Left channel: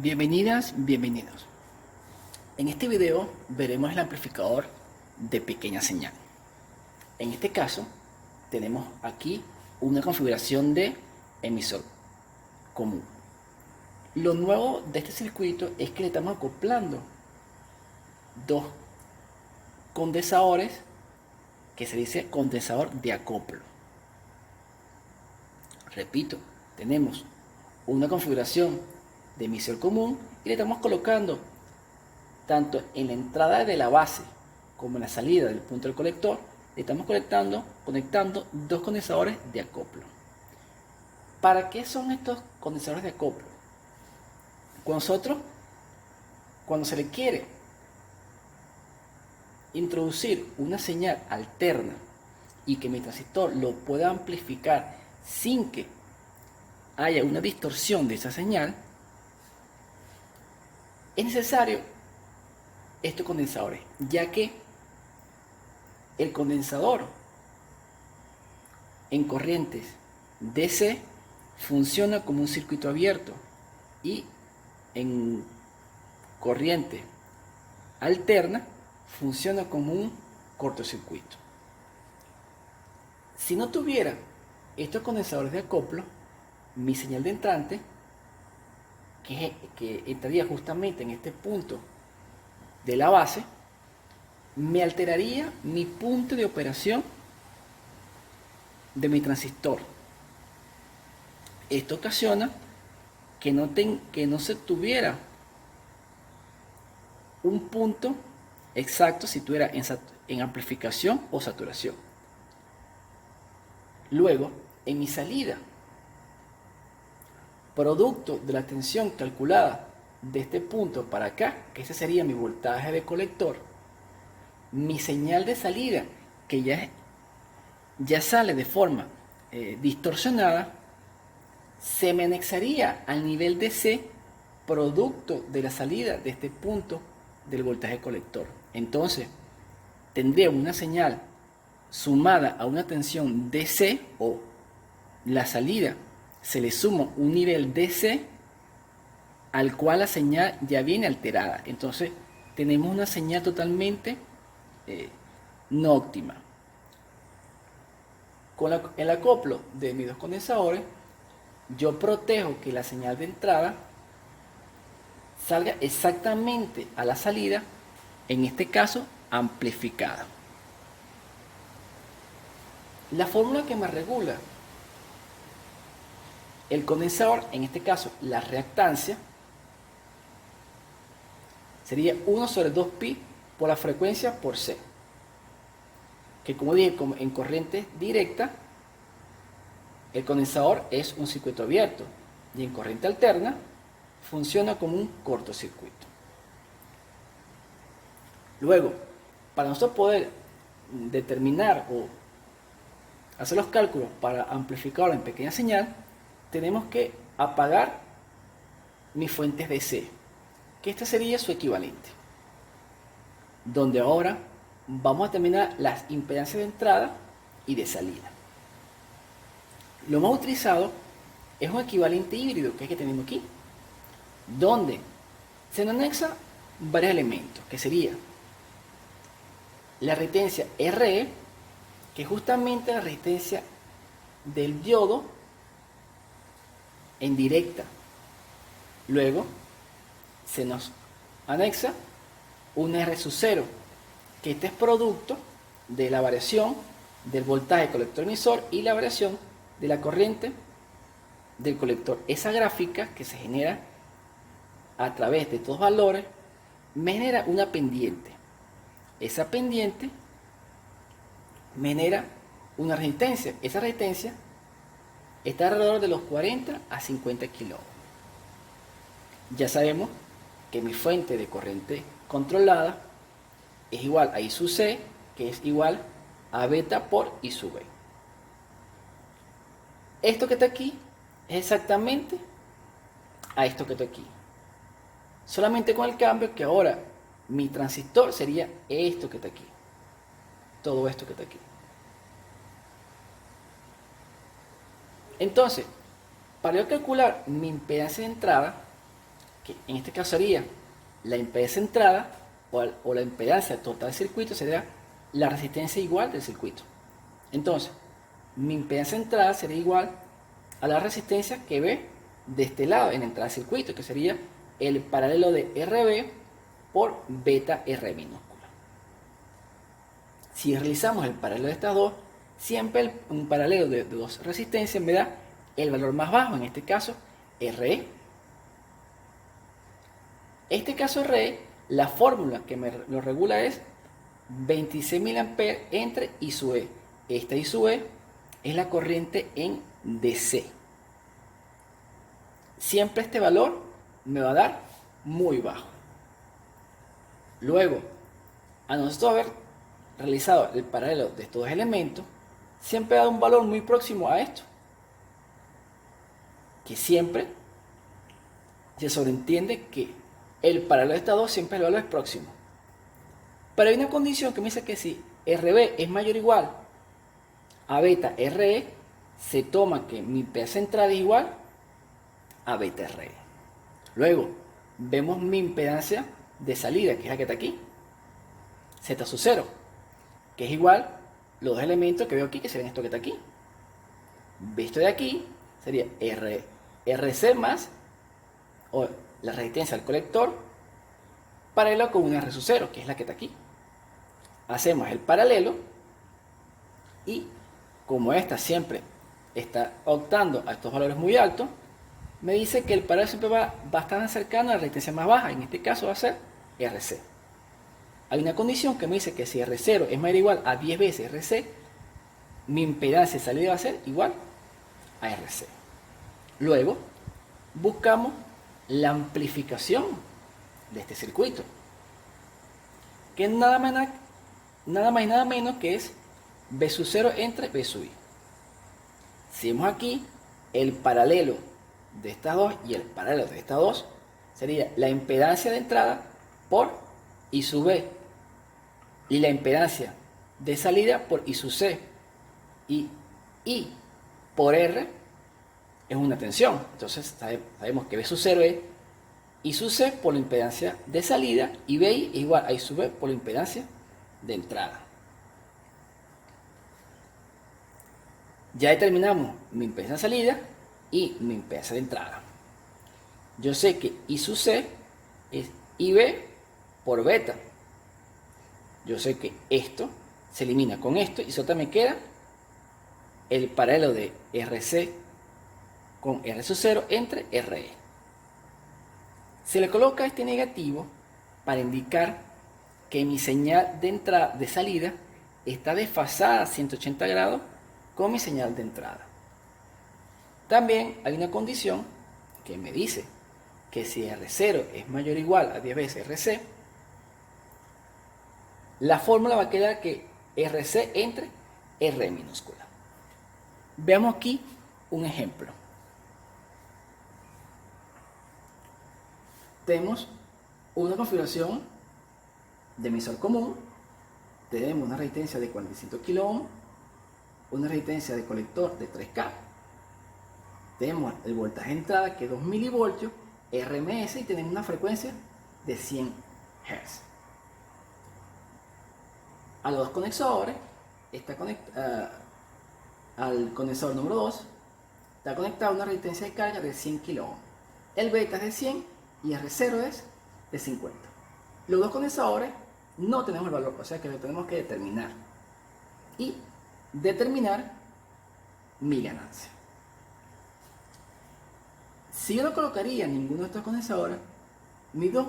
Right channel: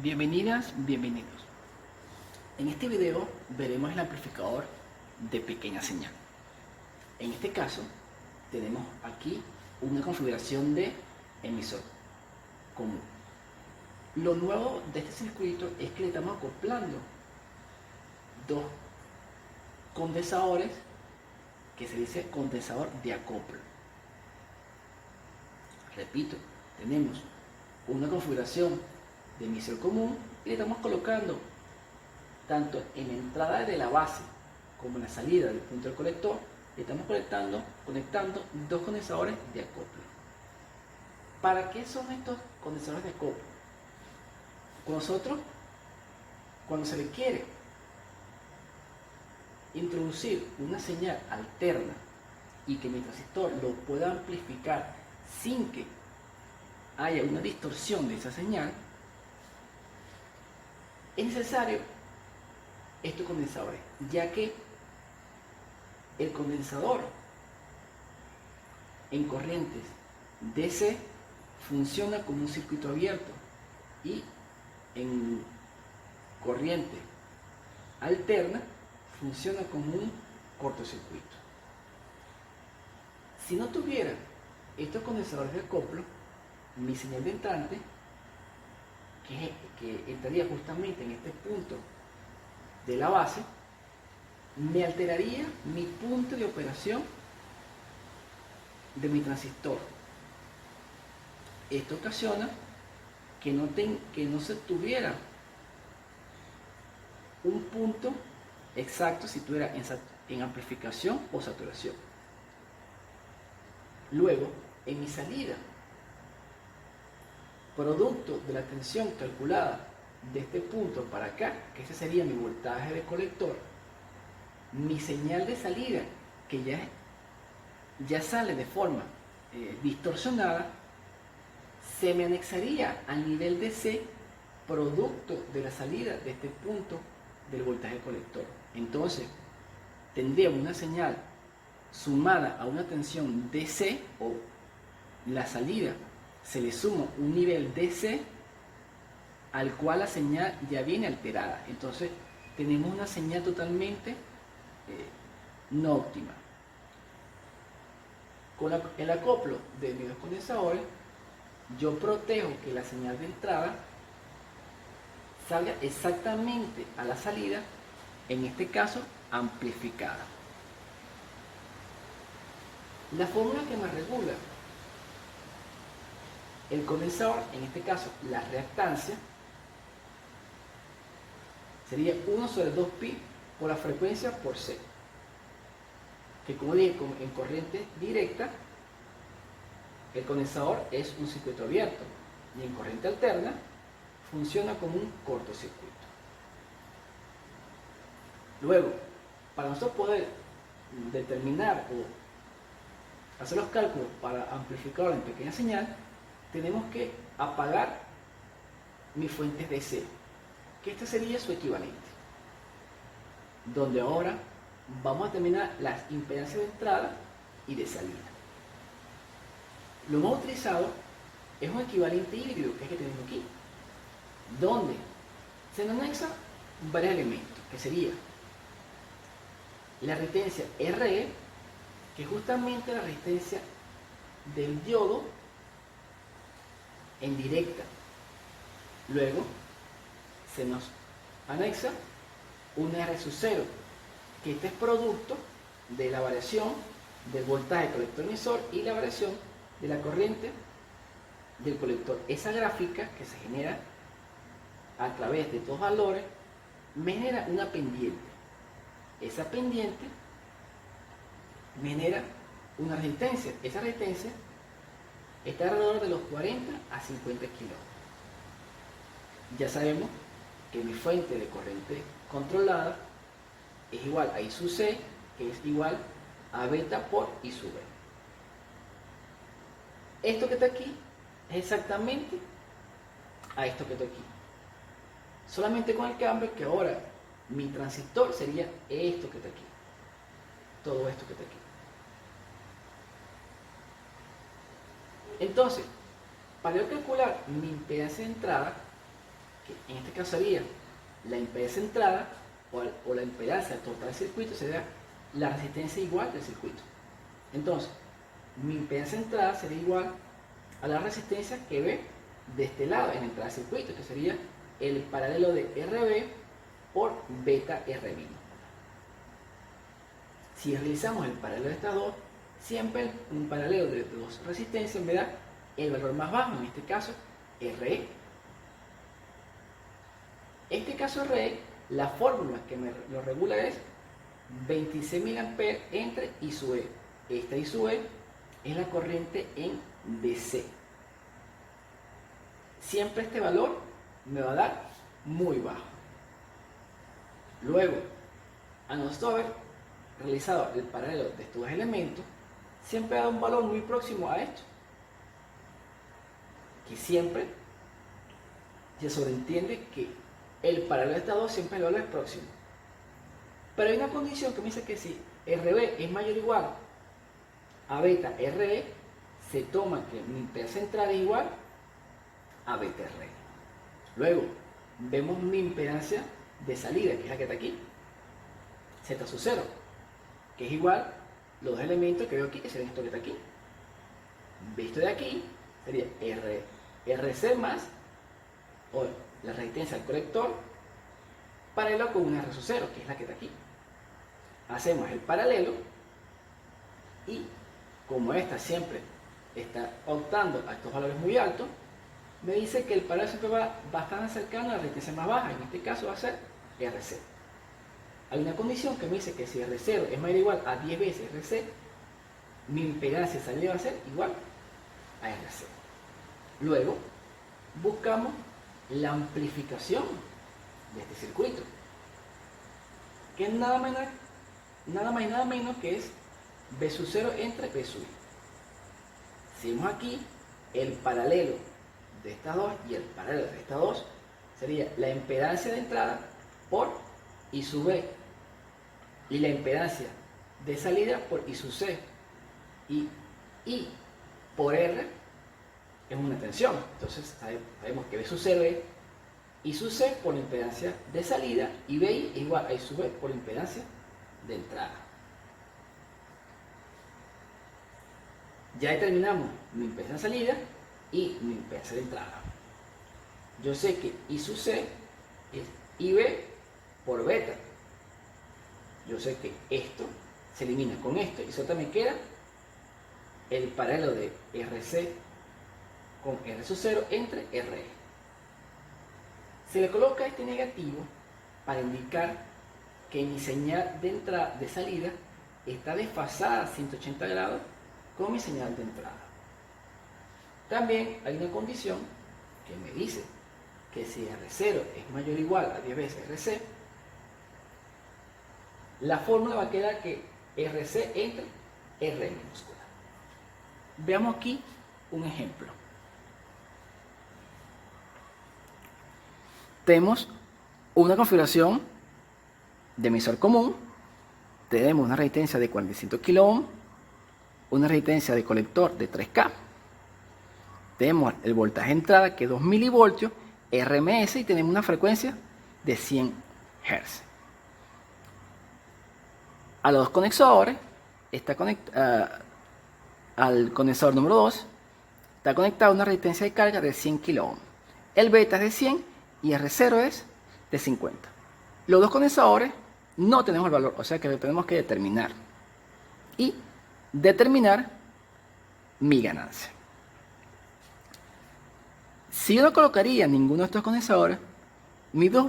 Bienvenidas, bienvenidos. En este video veremos el amplificador de pequeña señal. En este caso, tenemos aquí una configuración de emisor común. Lo nuevo de este circuito es que le estamos acoplando dos condensadores que se dice condensador de acoplo. Repito, tenemos una configuración de emisor común y le estamos colocando tanto en la entrada de la base como en la salida del punto del colector, le estamos conectando dos condensadores de acoplo. ¿Para qué son estos condensadores de acoplo? Cuando se le quiere introducir una señal alterna y que mi transistor lo pueda amplificar sin que haya una distorsión de esa señal, es necesario estos condensadores, ya que el condensador en corrientes DC funciona como un circuito abierto y en corriente alterna funciona como un cortocircuito. Si no tuviera estos condensadores de acoplo, mi señal de entrante, que entraría justamente en este punto de la base, me alteraría mi punto de operación de mi transistor. Esto ocasiona que no se tuviera un punto exacto si estuviera en amplificación o saturación. Luego, en mi salida, producto de la tensión calculada de este punto para acá, que ese sería mi voltaje de colector, mi señal de salida, que ya sale de forma distorsionada, se me anexaría al nivel de C producto de la salida de este punto del voltaje colector. Entonces, tendría una señal sumada a una tensión DC, o la salida se le suma un nivel DC al cual la señal ya viene alterada. Entonces tenemos una señal totalmente no óptima. Con el acoplo de mis dos condensadores, yo protejo que la señal de entrada salga exactamente a la salida, en este caso amplificada. La fórmula que me regula el condensador, en este caso la reactancia, sería 1 sobre 2pi por la frecuencia por C, que como dije, en corriente directa el condensador es un circuito abierto y en corriente alterna funciona como un cortocircuito. Luego, para nosotros poder determinar o hacer los cálculos para amplificar en pequeña señal, tenemos que apagar mis fuentes DC, que esta sería su equivalente, donde ahora vamos a determinar las impedancias de entrada y de salida. Lo más utilizado es un equivalente híbrido, que es el que tenemos aquí, donde se nos anexa varios elementos, que sería la resistencia RE, que es justamente la resistencia del diodo en directa. Luego se nos anexa un R sub 0, que este es producto de la variación del voltaje colector emisor y la variación de la corriente del colector. Esa gráfica que se genera a través de estos valores me genera una pendiente. Esa pendiente me genera una resistencia. Esa resistencia está alrededor de los 40 a 50 kilo. Ya sabemos que mi fuente de corriente controlada es igual a I sub C, que es igual a beta por I sub B. Esto que está aquí es exactamente a esto que está aquí. Solamente con el cambio que ahora mi transistor sería esto que está aquí. Todo esto que está aquí. Entonces, para yo calcular mi impedancia de entrada, que en este caso sería la impedancia de entrada o la impedancia total del circuito, sería la resistencia igual del circuito. Entonces, mi impedancia de entrada sería igual a la resistencia que ve de este lado en la entrada del circuito, que sería el paralelo de RB por beta R minúscula. Si realizamos el paralelo de estas dos, siempre un paralelo de dos resistencias me da el valor más bajo, en este caso RE. Este caso RE, la fórmula que me lo regula es 26 mA entre I sub E. Esta I sub E es la corriente en DC. Siempre este valor me va a dar muy bajo. Luego, a nosotros haber realizado el paralelo de estos dos elementos, siempre da un valor muy próximo a esto, que siempre se sobreentiende que el paralelo de estas dos siempre el valor es próximo. Pero hay una condición que me dice que si RB es mayor o igual a beta RE, se toma que mi impedancia central es igual a beta RE. Luego, vemos mi impedancia de salida, que es la que está aquí, Z sub 0, que es igual los dos elementos que veo aquí, que serían esto que está aquí. Visto de aquí, sería RC más, o la resistencia al colector, paralelo con una R sub 0, que es la que está aquí. Hacemos el paralelo y como esta siempre está optando a estos valores muy altos, me dice que el paralelo siempre va bastante cercano a la resistencia más baja, en este caso va a ser RC. Hay una condición que me dice que si R0 es mayor o igual a 10 veces RC, mi impedancia de salida va a ser igual a RC. Luego, buscamos la amplificación de este circuito, que es nada más y nada menos que es B sub 0 entre B sub I. Si vemos aquí, el paralelo de estas dos y el paralelo de estas dos sería la impedancia de entrada por I sub B y la impedancia de salida por I sub C, y I por R es una tensión. Entonces sabemos que B sub 0 es I sub C por la impedancia de salida y BI es igual a I sub B por la impedancia de entrada. Ya determinamos mi impedancia de salida y mi impedancia de entrada. Yo sé que I sub C es IB por beta. Yo sé que esto se elimina con esto y solo me queda el paralelo de RC con R sub 0 entre RE. Se le coloca este negativo para indicar que mi señal de entrada de salida está desfasada a 180 grados con mi señal de entrada. También hay una condición que me dice que si R0 es mayor o igual a 10 veces RC, la fórmula va a quedar que RC entre R minúscula. Veamos aquí un ejemplo. Tenemos una configuración de emisor común, tenemos una resistencia de 45 kΩ, una resistencia de colector de 3K, tenemos el voltaje de entrada que es 2 milivoltios, RMS, y tenemos una frecuencia de 100 Hz. A los dos conexores está al conexor número 2 está conectada una resistencia de carga de 100 kΩ. El beta es de 100 y R0 es de 50. Los dos condensadores no tenemos el valor, o sea que lo tenemos que determinar. Y determinar mi ganancia. Si yo no colocaría ninguno de estos condensadores, mis 2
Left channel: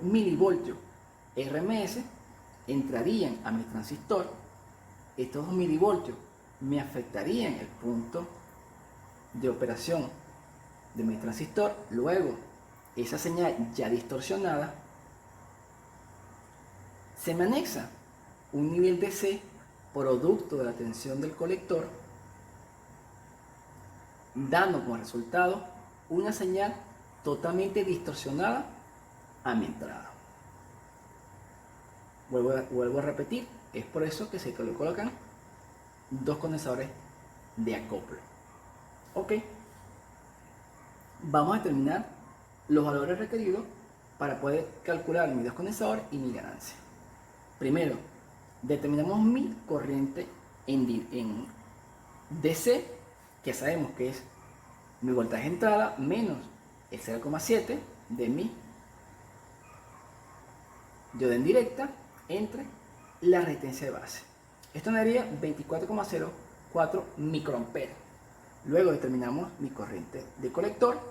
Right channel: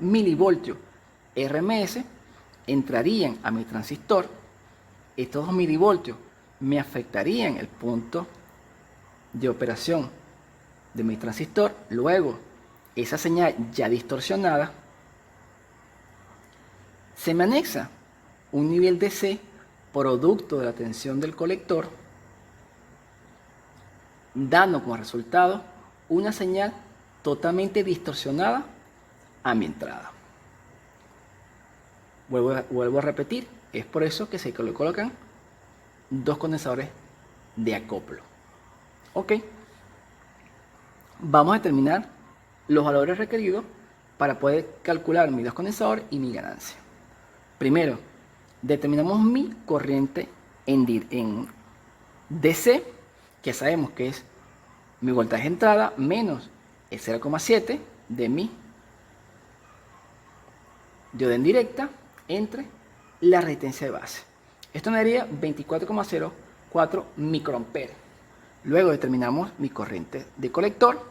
milivoltios RMS entrarían a mi transistor. Estos 2 milivoltios me afectarían el punto de operación de mi transistor. Luego, esa señal ya distorsionada, se me anexa un nivel DC producto de la tensión del colector, dando como resultado una señal totalmente distorsionada a mi entrada. Vuelvo a repetir, es por eso que se colocan dos condensadores de acoplo. Ok, vamos a determinar los valores requeridos para poder calcular mi descondensador y mi ganancia. Primero, determinamos mi corriente en DC, que sabemos que es mi voltaje de entrada menos el 0,7 de mi dioda indirecta entre la resistencia de base. Esto me daría 24,04 microamperes. Luego determinamos mi corriente de colector,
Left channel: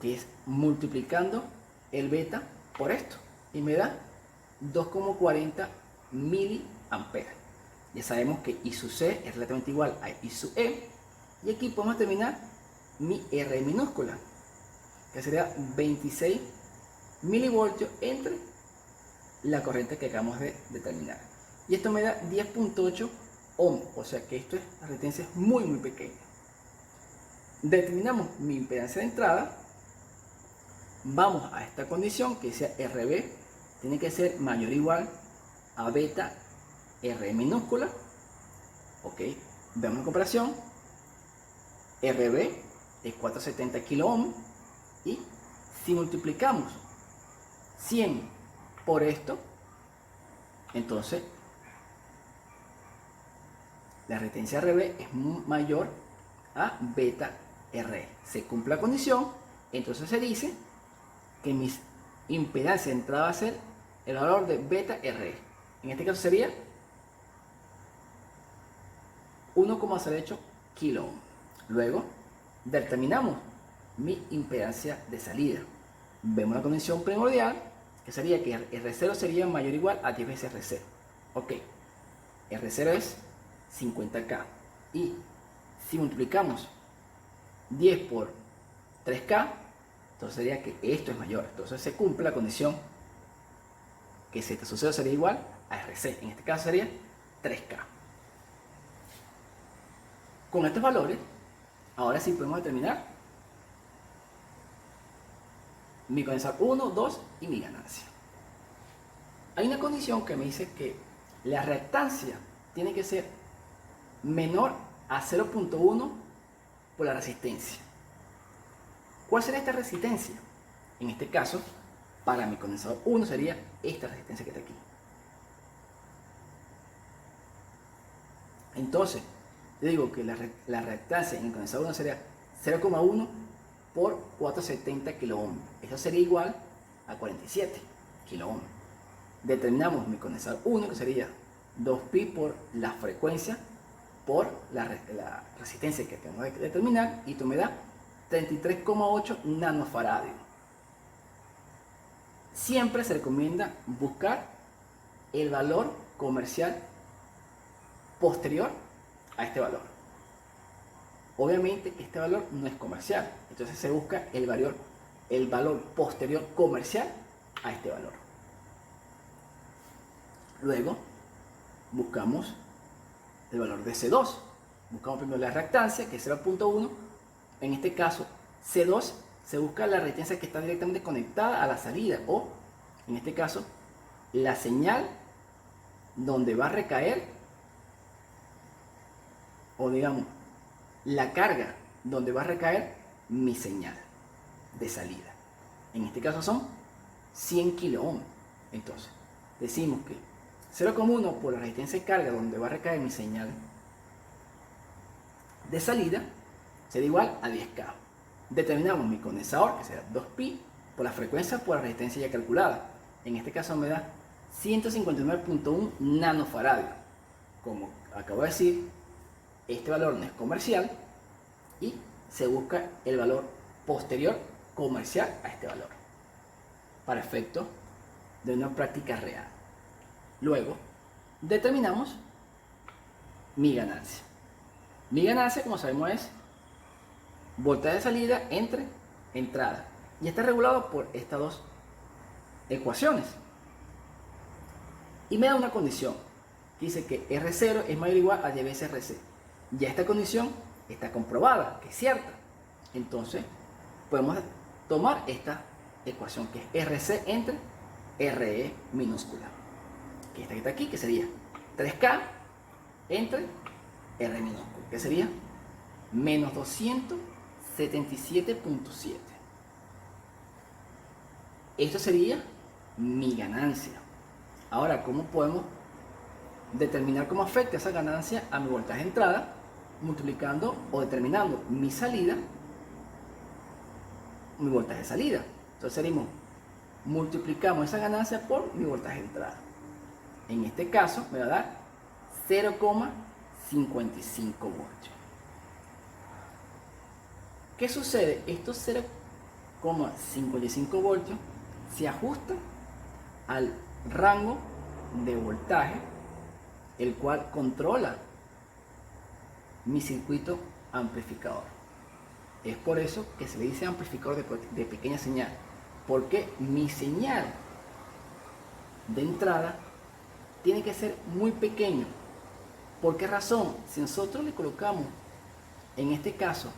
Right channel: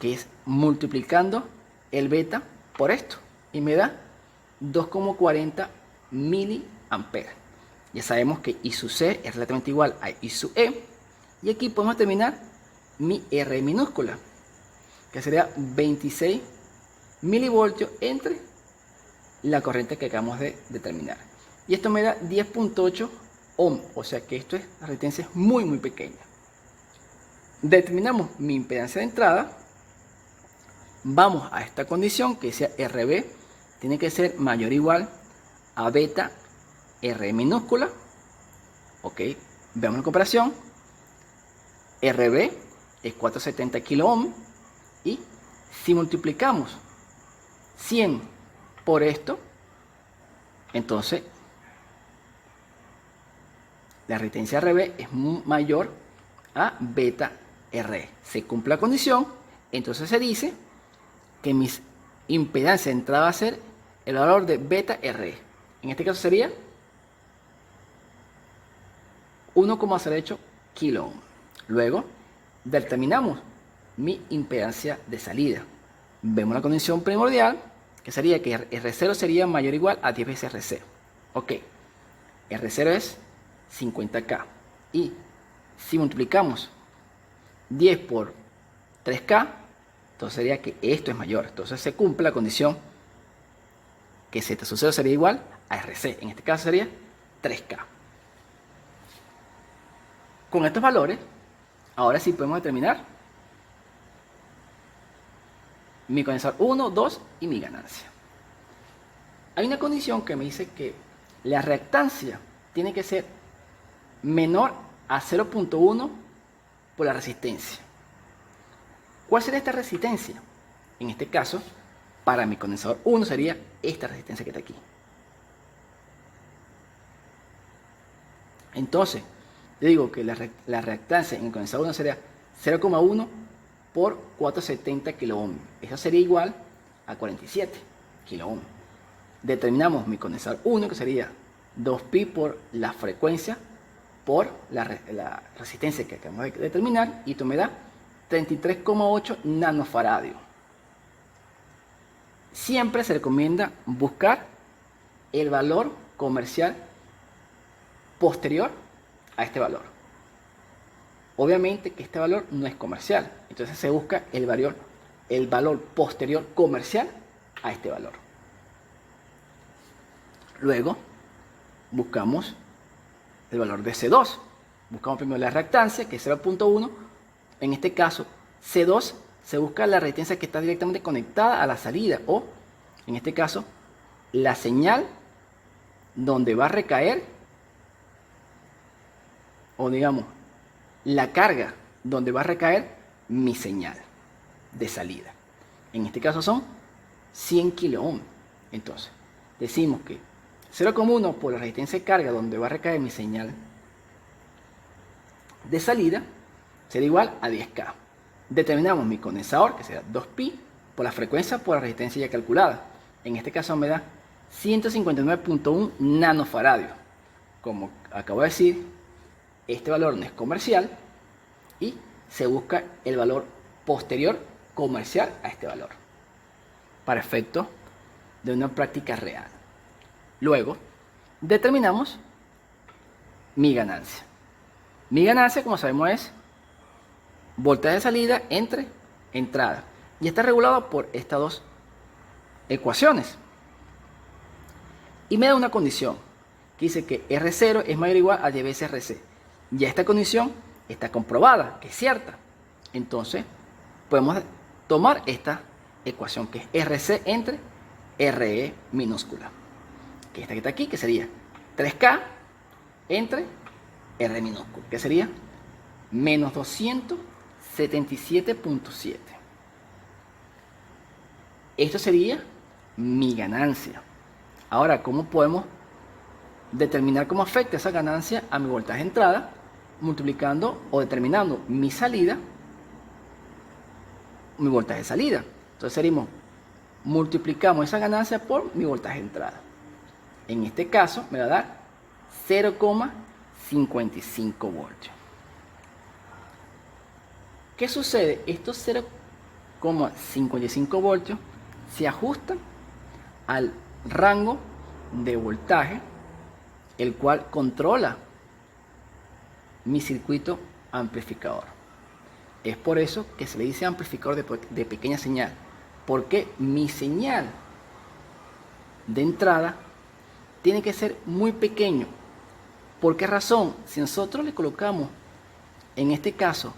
que es multiplicando el beta por esto, y me da 2,40 miliamperes. Ya sabemos que I sub C es relativamente igual a I sub E, y aquí podemos determinar mi R minúscula, que sería 26 milivoltios entre la corriente que acabamos de determinar. Y esto me da 10,8 ohm, o sea que esto es, la resistencia es muy pequeña. Determinamos mi impedancia de entrada. Vamos a esta condición que sea RB tiene que ser mayor o igual a beta R minúscula. Ok, veamos la comparación. RB es 470 kilo ohm, y si multiplicamos 100 por esto, entonces la resistencia RB es mayor a beta RE. Se cumple la condición, entonces se dice que mi impedancia de entrada va a ser el valor de beta RE. En este caso sería 1,08 kilo ohm. Luego determinamos mi impedancia de salida. Vemos la condición primordial, que sería que R0 sería mayor o igual a 10 veces RC. Ok, R0 es 50K, y si multiplicamos 10 por 3K, entonces sería que esto es mayor. Entonces se cumple la condición que Z sub 0 sería igual a RC. En este caso sería 3K. Con estos valores, ahora sí podemos determinar mi condensador 1, 2 y mi ganancia. Hay una condición que me dice que la reactancia tiene que ser menor a 0,1 por la resistencia. ¿Cuál sería esta resistencia? En este caso, para mi condensador 1 sería esta resistencia que está aquí. Entonces, yo digo que la reactancia en el condensador 1 sería 0,1 por 470 kilo ohm. Eso sería igual a 47 kilo ohm. Determinamos mi condensador 1, que sería 2pi por la frecuencia por la resistencia que acabamos de determinar, y esto me da 33,8 nanofaradios. Siempre se recomienda buscar el valor comercial posterior a este valor. Obviamente que este valor no es comercial, entonces se busca el valor posterior comercial a este valor. Luego buscamos el valor de C2. Buscamos primero la reactancia, que es 0,1. En este caso, C2 se busca la resistencia que está directamente conectada a la salida, o en este caso, la señal donde va a recaer, o digamos, la carga donde va a recaer mi señal de salida. En este caso son 100 kilo ohm. Entonces, decimos que 0,1 por la resistencia de carga donde va a recaer mi señal de salida será igual a 10K. Determinamos mi condensador, que será 2pi por la frecuencia por la resistencia ya calculada. En este caso me da 159,1 nanofaradios. Como acabo de decir, este valor no es comercial y se busca el valor posterior comercial a este valor para efecto de una práctica real. Luego determinamos mi ganancia. Mi ganancia, como sabemos, es voltaje de salida entre entrada, y está regulado por estas dos ecuaciones, y me da una condición que dice que R0 es mayor o igual a 10 veces RC. Ya esta condición está comprobada, que es cierta. Entonces podemos tomar esta ecuación, que es RC entre RE minúscula, que esta que está aquí, que sería 3K entre R minúscula, que sería menos 277,7. Esto sería mi ganancia. Ahora, ¿cómo podemos determinar cómo afecta esa ganancia a mi voltaje de entrada? Multiplicando o determinando mi salida, mi voltaje de salida. Entonces seríamos, multiplicamos esa ganancia por mi voltaje de entrada. En este caso me va a dar 0,55 voltios. ¿Qué sucede? Estos 0,55 voltios se ajustan al rango de voltaje, el cual controla mi circuito amplificador. Es por eso que se le dice amplificador de pequeña señal, porque mi señal de entrada tiene que ser muy pequeño. ¿Por qué razón? Si nosotros le colocamos, en este caso,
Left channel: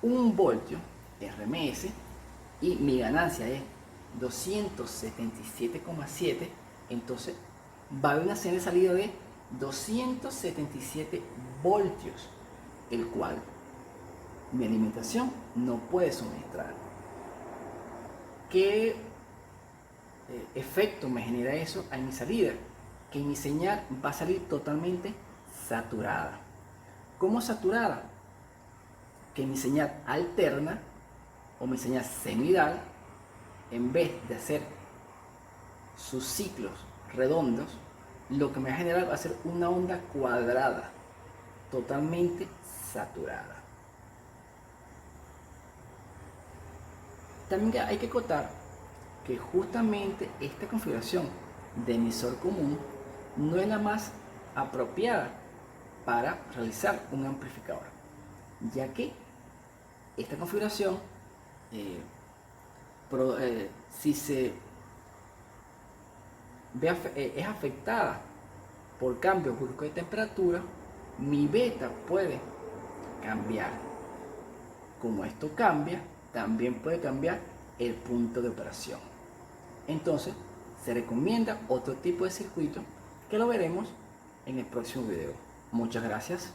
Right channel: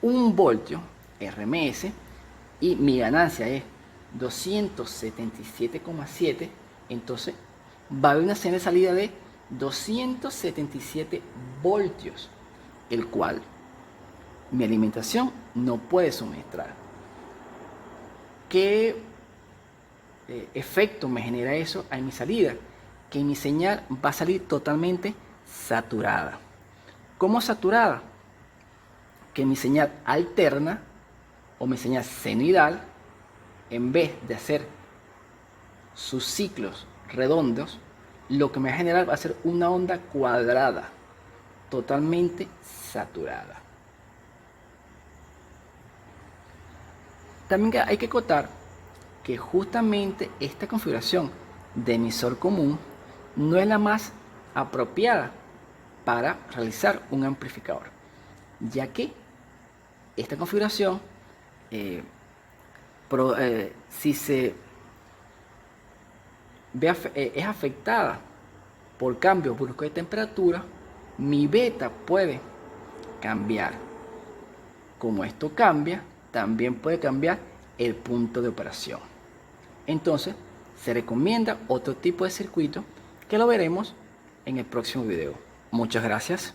1 voltio RMS y mi ganancia es 277,7, entonces va a haber una señal de salida de 277 voltios, el cual mi alimentación no puede suministrar. ¿Qué efecto me genera eso en mi salida? Que mi señal va a salir totalmente saturada. ¿Cómo saturada? Que mi señal alterna o mi señal senoidal, en vez de hacer sus ciclos redondos, lo que me va a generar va a ser una onda cuadrada, totalmente saturada. También hay que acotar que justamente esta configuración de emisor común no es la más apropiada para realizar un amplificador, ya que esta configuración, si se es afectada por cambios bruscos de temperatura, mi beta puede cambiar. Como esto cambia, también puede cambiar el punto de operación. Entonces, se recomienda otro tipo de circuito que lo veremos en el próximo video. Muchas gracias.